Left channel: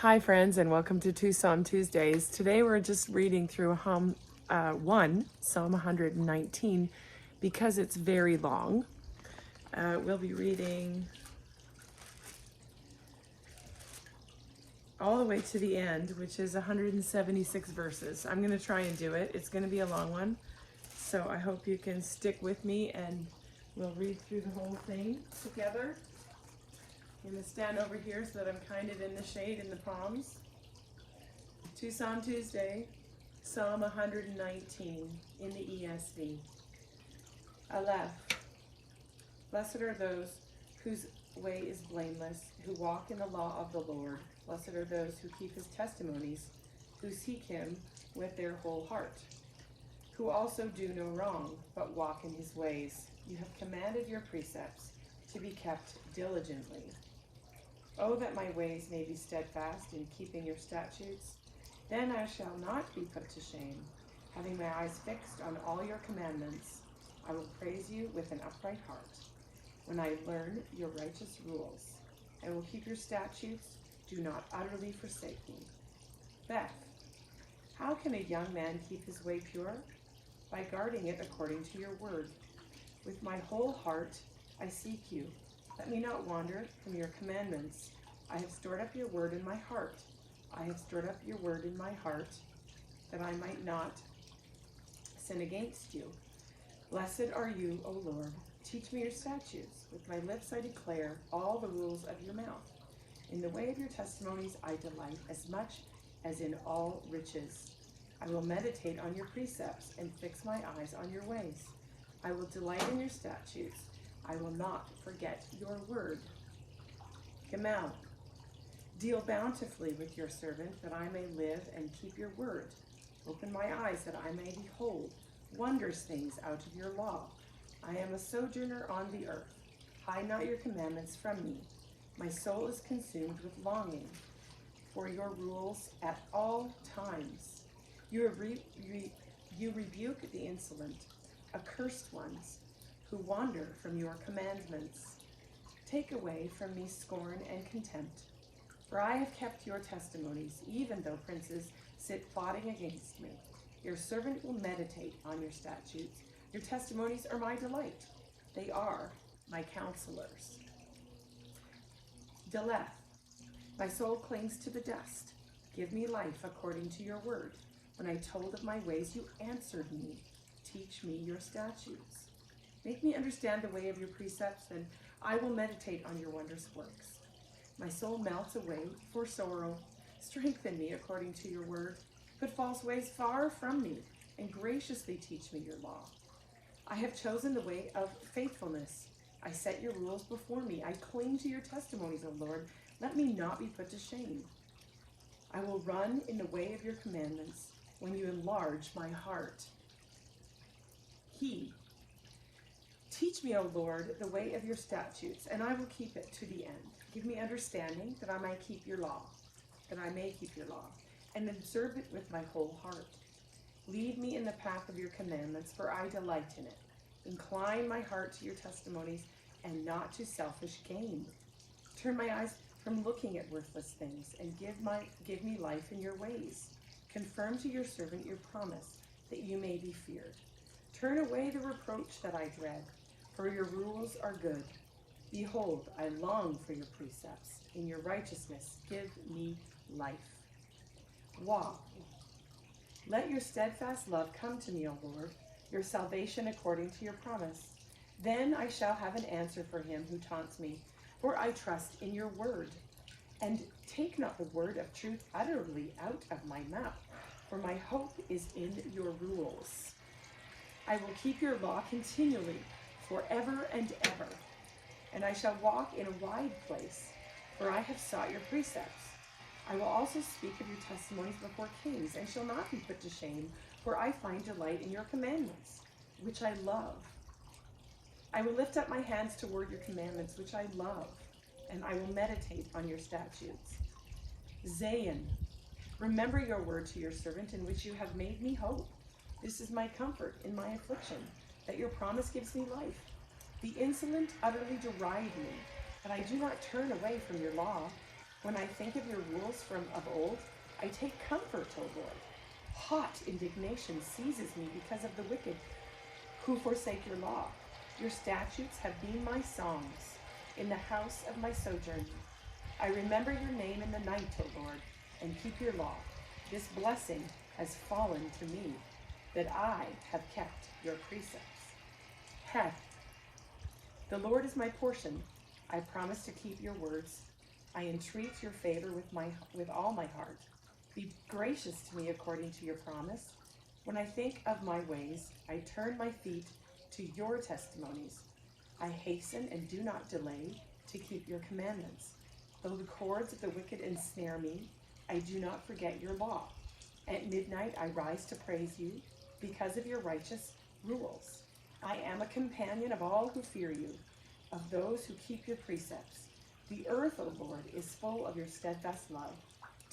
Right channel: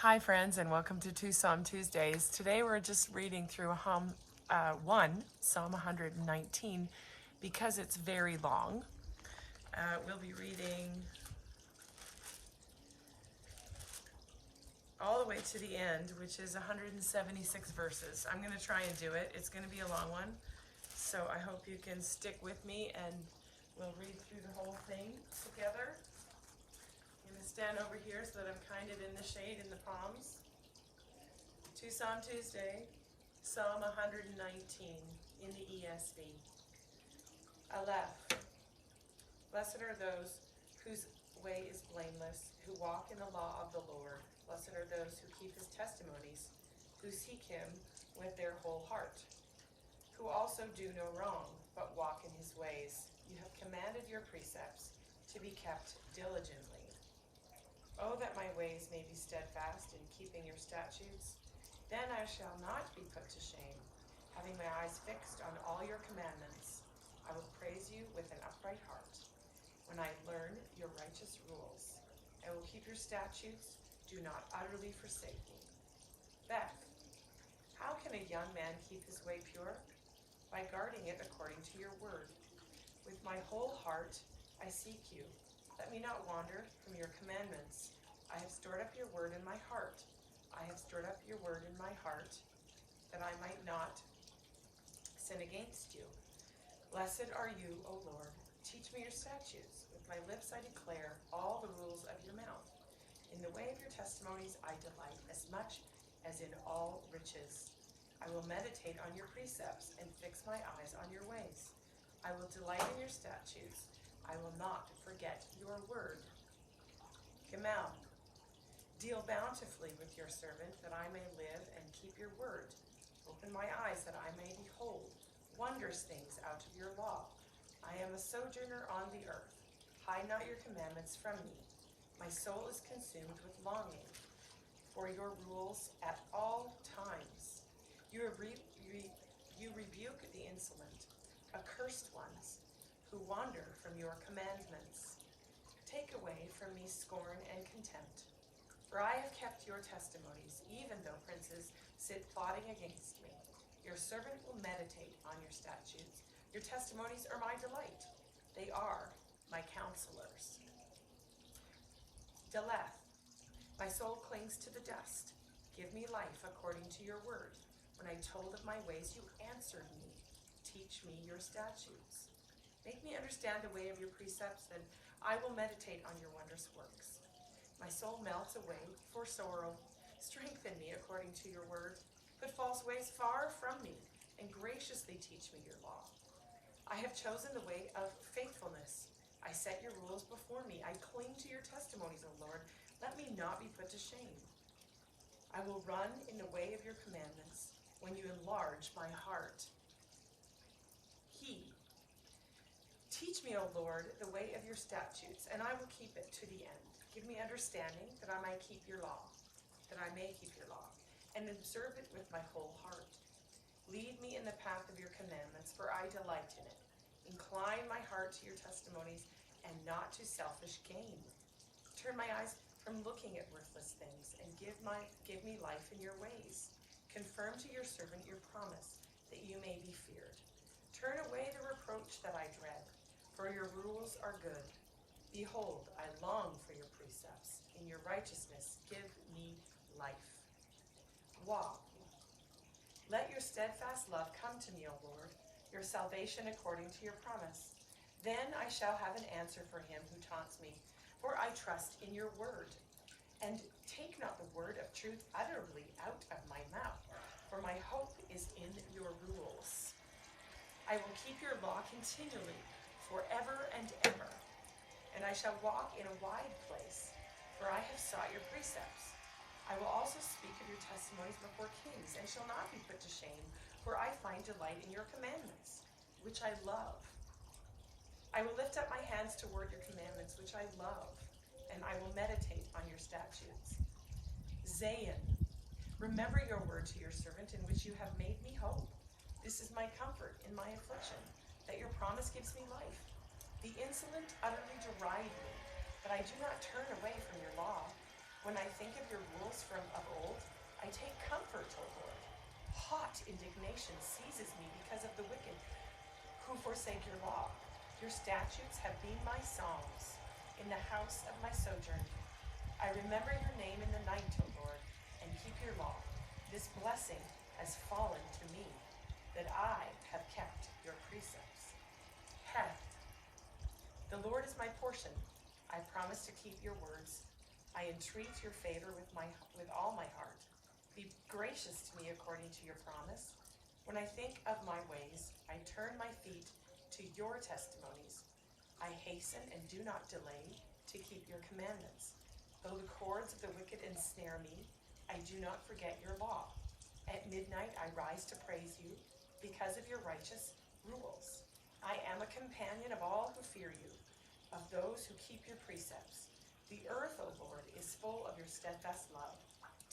Hi friends, and welcome to Tucson Tuesdays. Today we're just reading through Psalm 119, because it's very long. We'll be reading all the way to the end, which is 176 verses. I'm going to try and do it. It's going to be a long one, so I hope you can stick with me and we'll read through the whole thing together. I'm going to stand over here so that I'm kind of in the shade in the palms. Tucson Tuesday, Psalm 119 in the ESV. Aleph. Blessed are those whose way is blameless, who walk in the law of the Lord. Blessed are those who keep his testimonies, who seek him with their whole heart, who also do no wrong, but walk in his ways. You have commanded your precepts to be kept diligently. Oh, that my ways may be steadfast in keeping your statutes. Then I shall not be put to shame. Having my eyes fixed on all your commandments, I will praise you with an upright heart. When I learn your righteous rules, I will keep your statutes. Do not utterly forsake me. Beth, how can a young man keep his way pure? By guarding it according to your word. With my whole heart I seek you. Let me not wander from your commandments. I have stored up your word in my heart. I have stored up your word in my heart, that I might not sin against you. Blessed are you, O Lord. Teach me your statutes. With my lips I declare all the rules of your mouth. In the way of your testimonies I delight as much as in all riches. I will meditate on your precepts and fix my eyes on your ways. I will delight in your statutes. I will not forget your word. Gamal. Deal bountifully with your servant, that I may live and keep your word. Open my eyes, that I may behold wondrous things out of your law. I am a sojourner on the earth. Hide not your commandments from me. My soul is consumed with longing for your rules at all times. You rebuke the insolent, accursed ones, who wander from your commandments. Take away from me scorn and contempt, for I have kept your testimonies, even though princes sit plotting against me. Your servant will meditate on your statutes. Your testimonies are my delight. They are my counselors. Deleth. My soul clings to the dust. Give me life according to your word. When I told of my ways, you answered me. Teach me your statutes. Make me understand the way of your precepts, and I will meditate on your wondrous works. My soul melts away for sorrow. Strengthen me according to your word. Put false ways far from me, and graciously teach me your law. I have chosen the way of faithfulness. I set your rules before me. I cling to your testimonies, O Lord. Let me not be put to shame. I will run in the way of your commandments when you enlarge my heart. Teach me, O Lord, the way of your statutes, and I will keep it to the end. Give me understanding, that I may keep your law, and observe it with my whole heart. Lead me in the path of your commandments, for I delight in it. Incline my heart to your testimonies, and not to selfish gain. Turn my eyes from looking at worthless things, and give me life in your ways. Confirm to your servant your promise, that you may be feared. Turn away the reproach that I dread, for your rules are good. Behold, I long for your precepts. In your righteousness, give me life. Walk. Let your steadfast love come to me, O Lord, your salvation according to your promise. Then I shall have an answer for him who taunts me, for I trust in your word. And take not the word of truth utterly out of my mouth, for my hope is in your rules. I will keep your law continually, forever and ever. And I shall walk in a wide place, for I have sought your precepts. I will also speak of your testimonies before kings, and shall not be put to shame, for I find delight in your commandments, which I love. I will lift up my hands toward your commandments, which I love, and I will meditate on your statutes. Zayin. Remember your word to your servant, in which you have made me hope. This is my comfort in my affliction, that your promise gives me life. The insolent utterly deride me, but I do not turn away from your law. When I think of your rules from of old, I take comfort, O Lord. Hot indignation seizes me because of the wicked who forsake your law. Your statutes have been my songs in the house of my sojourn. I remember your name in the night, O Lord, and keep your law. This blessing has fallen to me, that I have kept your precepts. Heth. The Lord is my portion. I promise to keep your words. I entreat your favor with all my heart. Be gracious to me according to your promise. When I think of my ways, I turn my feet to your testimonies. I hasten and do not delay to keep your commandments. Though the cords of the wicked ensnare me, I do not forget your law. At midnight I rise to praise you because of your righteous rules. I am a companion of all who fear you, of those who keep your precepts. The earth, O Lord, is full of your steadfast love.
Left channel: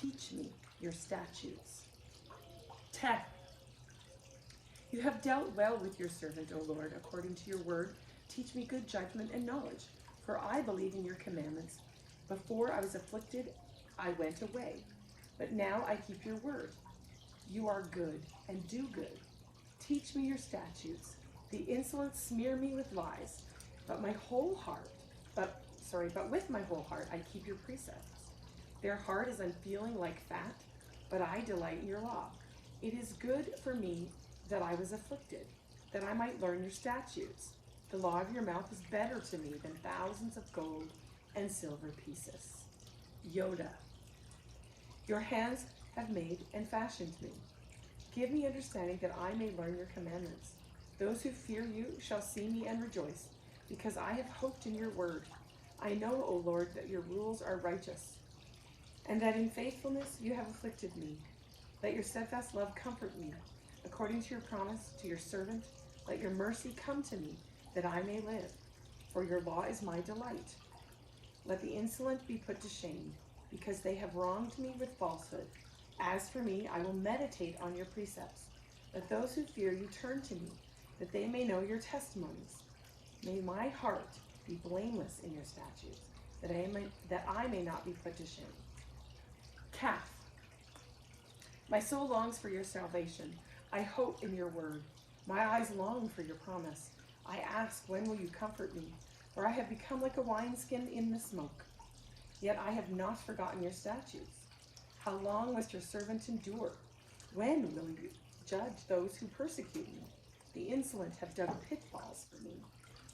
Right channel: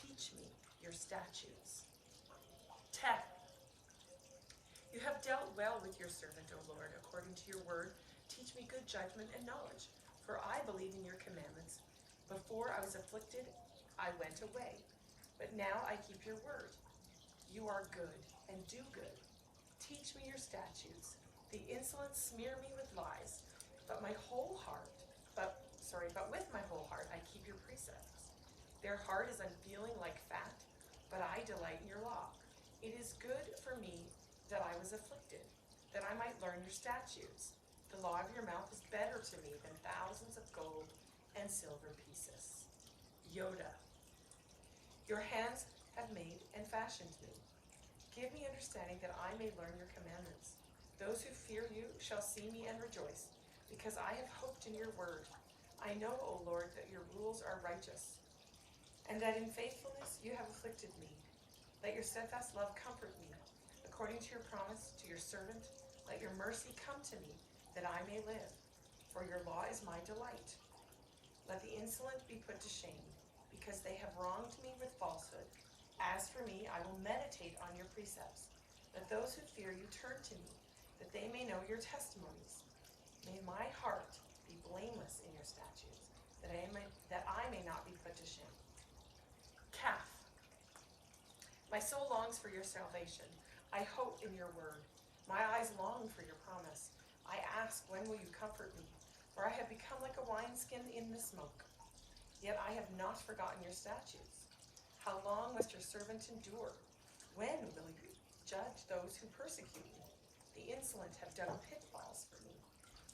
Teach me your statutes. Teth. You have dealt well with your servant, O Lord, according to your word. Teach me good judgment and knowledge, for I believe in your commandments. Before I was afflicted, I went away, but now I keep your word. You are good and do good. Teach me your statutes. The insolent smear me with lies, but with my whole heart, I keep your precepts. Their heart is unfeeling like fat, but I delight in your law. It is good for me that I was afflicted, that I might learn your statutes. The law of your mouth is better to me than thousands of gold and silver pieces. Yoda. Your hands have made and fashioned me. Give me understanding that I may learn your commandments. Those who fear you shall see me and rejoice, because I have hoped in your word. I know, O Lord, that your rules are righteous, and that in faithfulness you have afflicted me. Let your steadfast love comfort me. According to your promise to your servant, let your mercy come to me, that I may live. For your law is my delight. Let the insolent be put to shame, because they have wronged me with falsehood. As for me, I will meditate on your precepts. Let those who fear you turn to me, that they may know your testimonies. May my heart be blameless in your statutes, that I may not be put to shame. Calf. My soul longs for your salvation. I hope in your word. My eyes long for your promise. I ask, when will you comfort me? For I have become like a wineskin in the smoke. Yet I have not forgotten your statutes. How long must your servant endure? When will you judge those who persecute me? The insolent have dug pitfalls for me.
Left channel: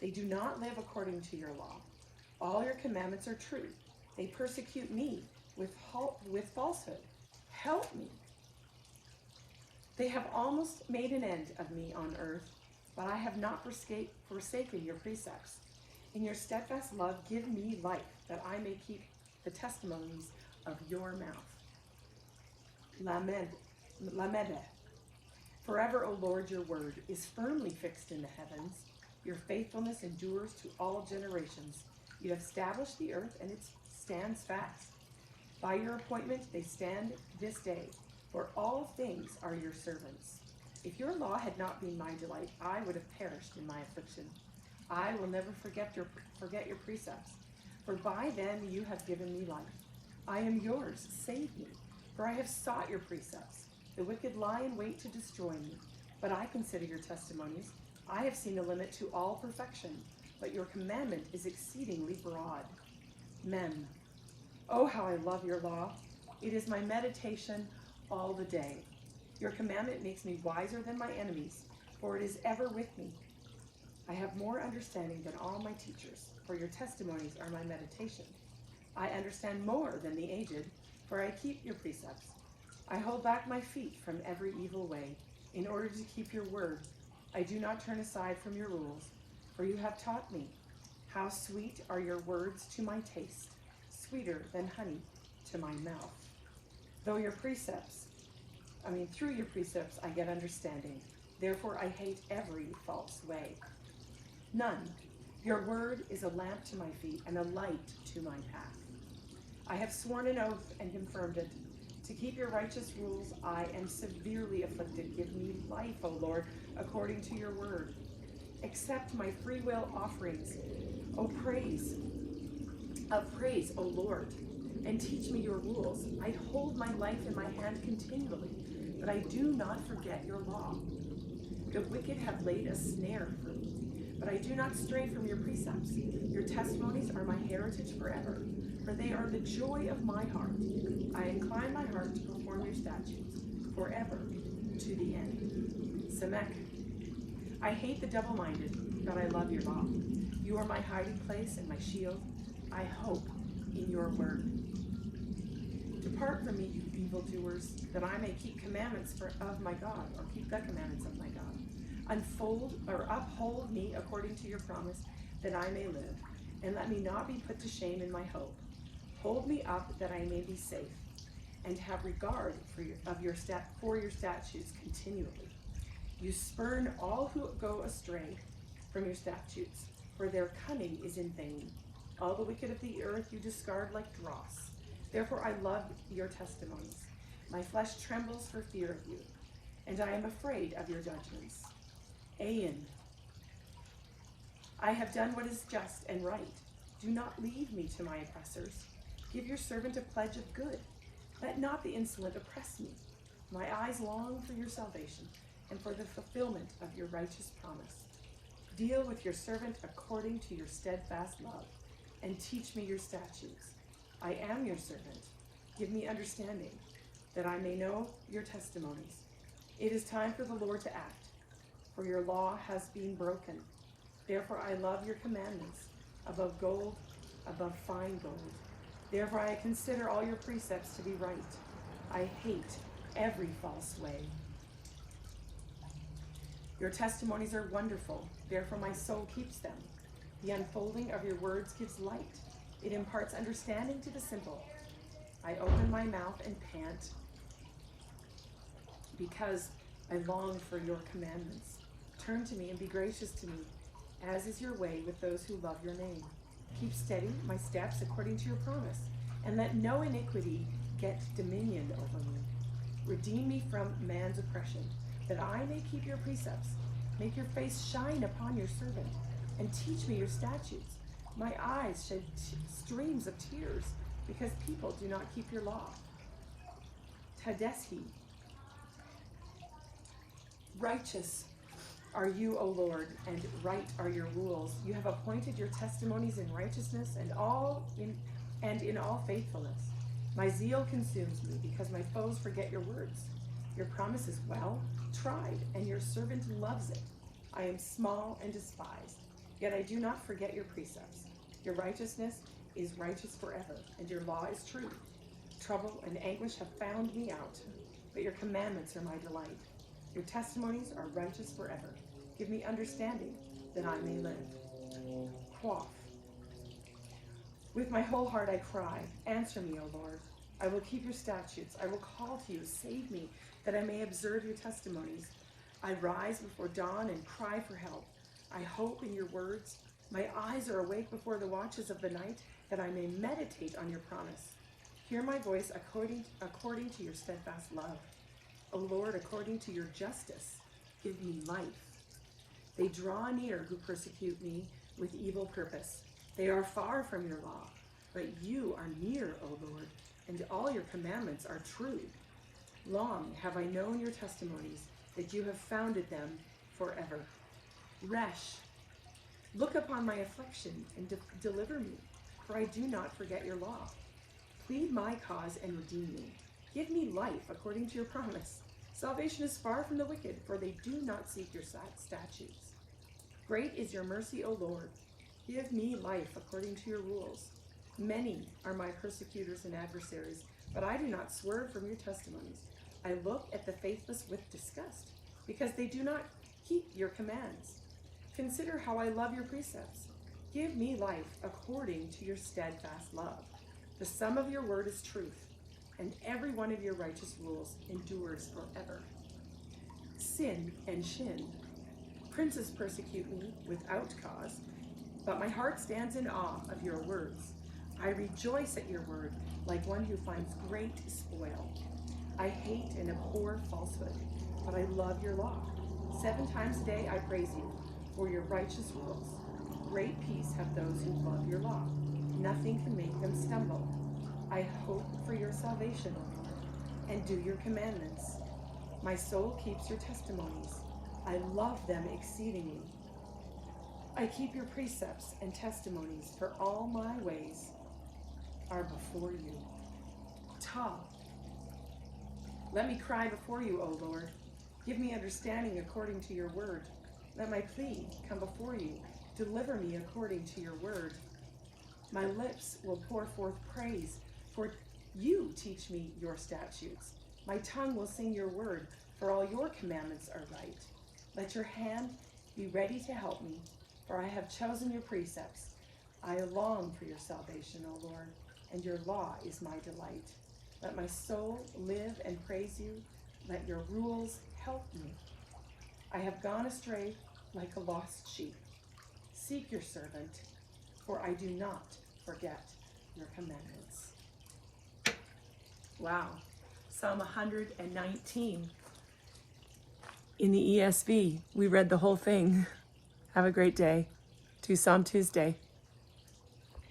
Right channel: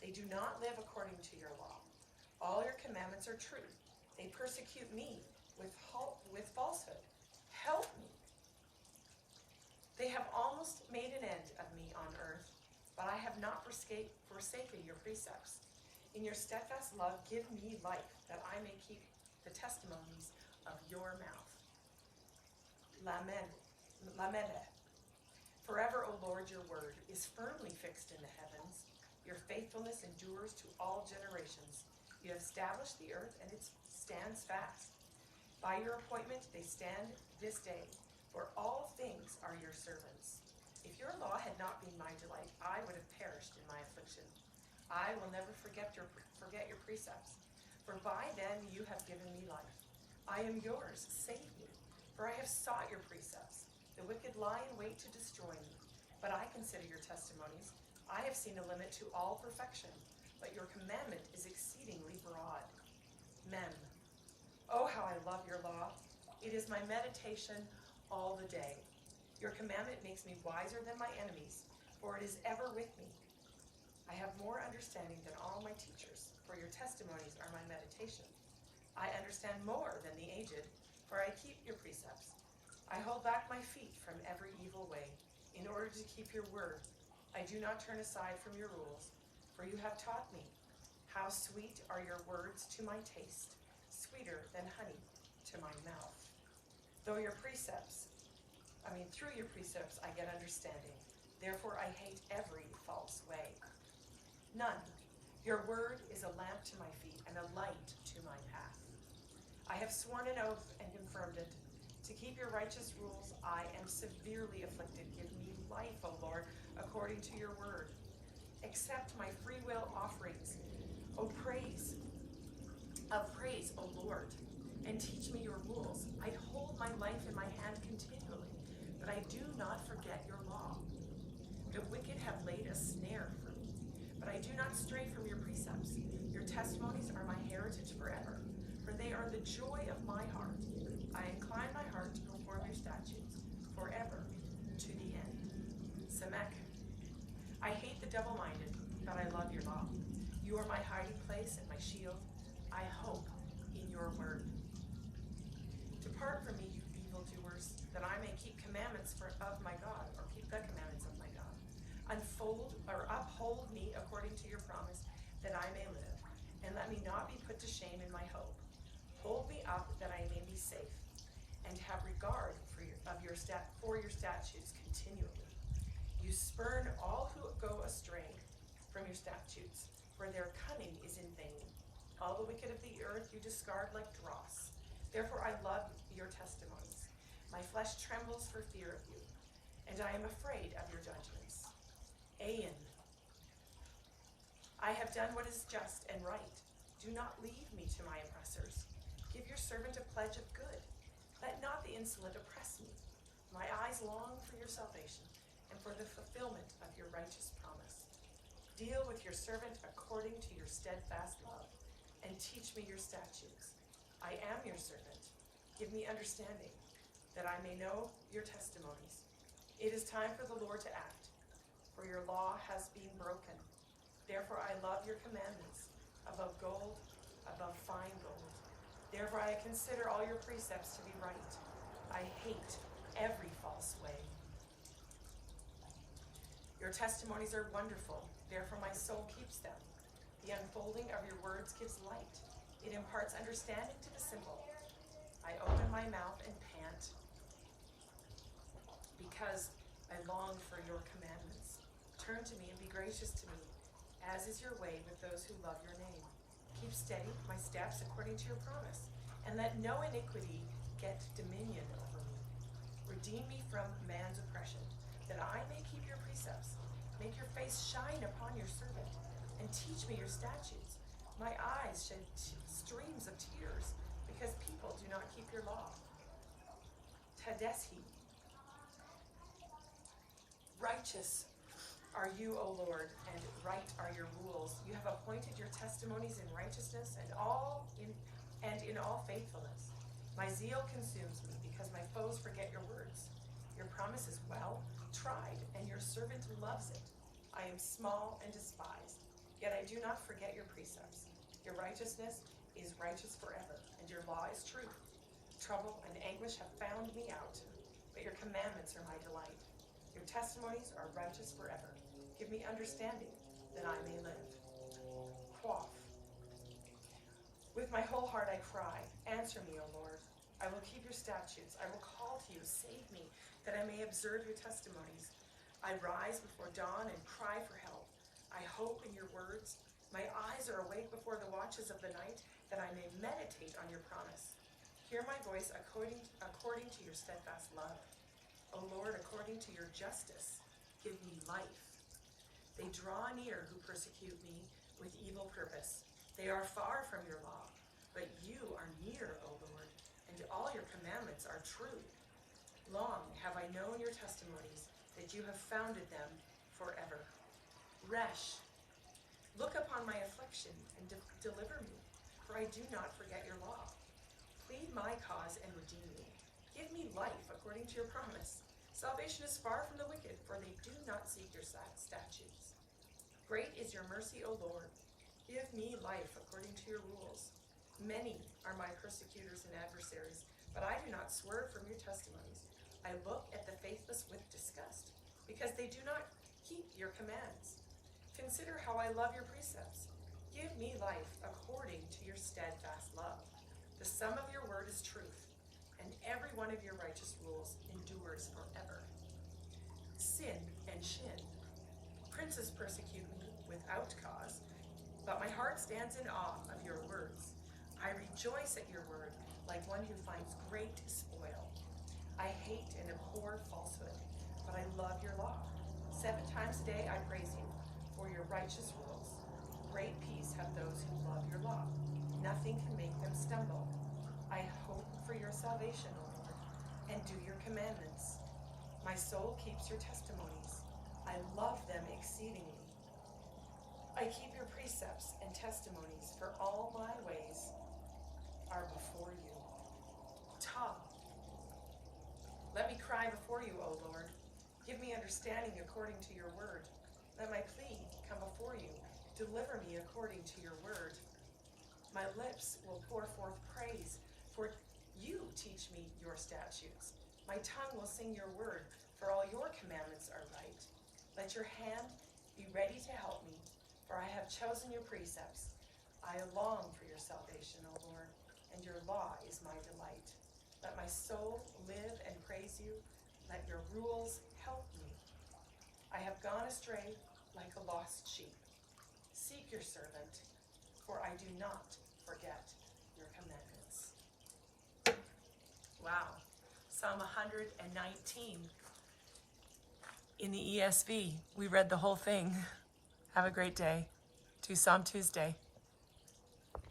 They do not live according to your law. All your commandments are true. They persecute me with falsehood. Help me. They have almost made an end of me on earth, but I have not forsaken your precepts. In your steadfast love, give me life, that I may keep the testimonies of your mouth. Lamed. Forever, O Lord, your word is firmly fixed in the heavens. Your faithfulness endures to all generations. You have established the earth, and it stands fast. By your appointment, they stand this day, for all things are your servants. If your law had not been my delight, I would have perished in my affliction. I will never forget your precepts, for by them you have given me life. I am yours, save me, for I have sought your precepts. The wicked lie in wait to destroy me, but I consider your testimonies. I have seen a limit to all perfection, but your commandment is exceedingly broad. Mem. Oh, how I love your law. It is my meditation all the day. Your commandment makes me wiser than my enemies, for it is ever with me. I have more understanding than all my teachers, for your testimonies are my meditation. I understand more than the aged, for I keep your precepts. I hold back my feet from every evil way, in order to keep your word. I do not turn aside from your rules, for you have taught me. How sweet are your words to my taste, sweeter than honey to my mouth. Through your precepts, I get understanding. Therefore I hate every false way. None. Your word is a lamp to my feet and a light to my path. I have sworn an oath and confirmed it. To keep your righteous rules, I am severely afflicted. Give me life, O Lord, according to your word. Accept my free will offerings, O praise, O Lord, and teach me your rules. I hold my life in my hand continually, but I do not forget your law. The wicked have laid a snare for me, but I do not stray from your precepts. Your testimonies are my heritage forever, for they are the joy of my heart. I incline my heart to perform your statutes forever to the end. Samek. I hate the double-minded, but I love your law. You are my hiding place and my shield. I hope in your word. Depart from me, you evildoers, that I may keep commandments of my God, or keep the commandments of my God. Uphold me according to your promise, that I may live, and let me not be put to shame in my hope. Hold me up that I may be safe, and have regard for your statutes continually. You spurn all who go astray from your statutes, for their cunning is in vain. All the wicked of the earth you discard like dross. Therefore I love your testimonies. My flesh trembles for fear of you, and I am afraid of your judgments. Ayin. I have done what is just and right. Do not leave me to my oppressors. Give your servant a pledge of good. Let not the insolent oppress me. My eyes long for your salvation and for the fulfillment of your righteous promise. Deal with your servant according to your steadfast love, and teach me your statutes. I am your servant. Give me understanding, that I may know your testimonies. It is time for the Lord to act, for your law has been broken. Therefore I love your commandments above gold, above fine gold. Therefore I consider all your precepts to be right. I hate every false way. Your testimonies are wonderful, therefore my soul keeps them. The unfolding of your words gives light. It imparts understanding to the simple. I open my mouth and pant, because I long for your commandments. Turn to me and be gracious to me, as is your way with those who love your name. Keep steady my steps according to your promise, and let no iniquity get dominion over me. Redeem me from man's oppression, that I may keep your precepts. Make your face shine upon your servant, and teach me your statutes. My eyes shed streams of tears, because people do not keep your law. Tadeshi. Righteous are you, O Lord, and right are your rules. You have appointed your testimonies in righteousness and in all faithfulness. My zeal consumes me, because my foes forget your words. Your promise is well tried, and your servant loves it. I am small and despised, yet I do not forget your precepts. Your righteousness is righteous forever, and your law is true. Trouble and anguish have found me out, but your commandments are my delight. Your testimonies are righteous forever. Give me understanding, that I may live. Quaff. With my whole heart I cry, answer me, O Lord. I will keep your statutes. I will call to you, save me, that I may observe your testimonies. I rise before dawn and cry for help. I hope in your words. My eyes are awake before the watches of the night, that I may meditate on your promise. Hear my voice according to your steadfast love. O Lord, according to your justice, give me life. They draw near who persecute me with evil purpose. They are far from your law, but you are near, O Lord, and all your commandments are true. Long have I known your testimonies, that you have founded them forever. Resh. Look upon my affliction and deliver me, for I do not forget your law. Plead my cause and redeem me. Give me life according to your promise. Salvation is far from the wicked, for they do not seek your statutes. Great is your mercy, O Lord. Give me life according to your rules. Many are my persecutors and adversaries, but I do not swerve from your testimonies. I look at the faithless with disgust, because they do not keep your commands. Consider how I love your precepts. Give me life according to your steadfast love. The sum of your word is truth, and every one of your righteous rules endures forever. Sin and shin. Princes persecute me without cause, but my heart stands in awe of your words. I rejoice at your word like one who finds great spoil. I hate and abhor falsehood, but I love your law. 7 times a day I praise you for your righteous rules. Great peace have those who love your law. Nothing can make them stumble. I hope for your salvation, O Lord, and do your commandments. My soul keeps your testimonies. I love them exceedingly. I keep your precepts and testimonies, for all my ways are before you. Let me cry before you, O Lord. Give me understanding according to your word. Let my plea come before you. Deliver me according to your word. My lips will pour forth praise, for you teach me your statutes. My tongue will sing your word, for all your commandments are right. Let your hand be ready to help me, for I have chosen your precepts. I long for your salvation, O Lord, and your law is my delight. Let my soul live and praise you. Let your rules help me. I have gone astray like a lost sheep. Seek your servant, for I do not forget your commandments. Wow. Psalm 119 in the ESV. We read the whole thing. Have a great day. Tucson Tuesday.